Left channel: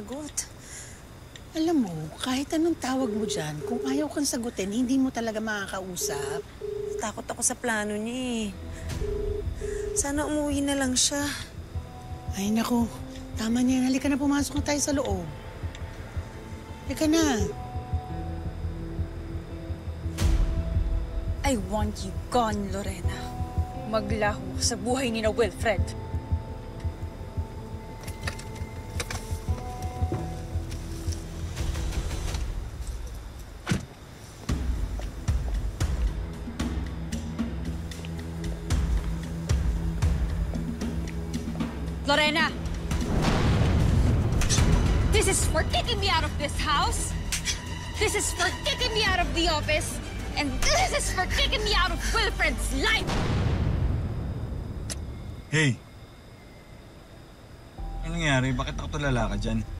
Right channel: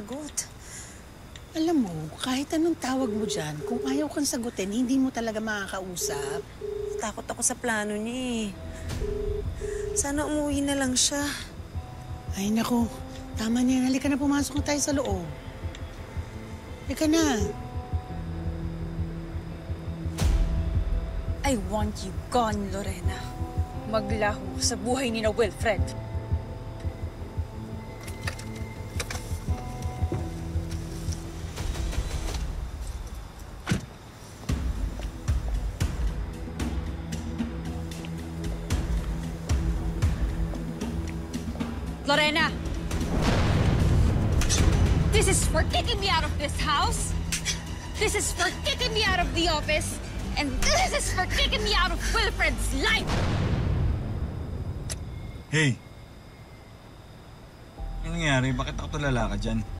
sagot. Alam mo, kahit anong tawag mo dyan, kung ayaw kang sagutin, hindi mo talaga makakausap. Takot ako sa plano niya eh. Sana umuwi na lang siya. Ay nako, tama niya. Halika na, pumasok na tayo sa loob. Halika na. I want you gone, Lorena. Maglaho sa buhay ni na Wilfred. Lorena! This is for kicking me out of this house. This is for kicking me out of the office. And this is for kicking me out of Wilfred's life! Hey! Anong nangyari? Bakit ako tulala ka dyan?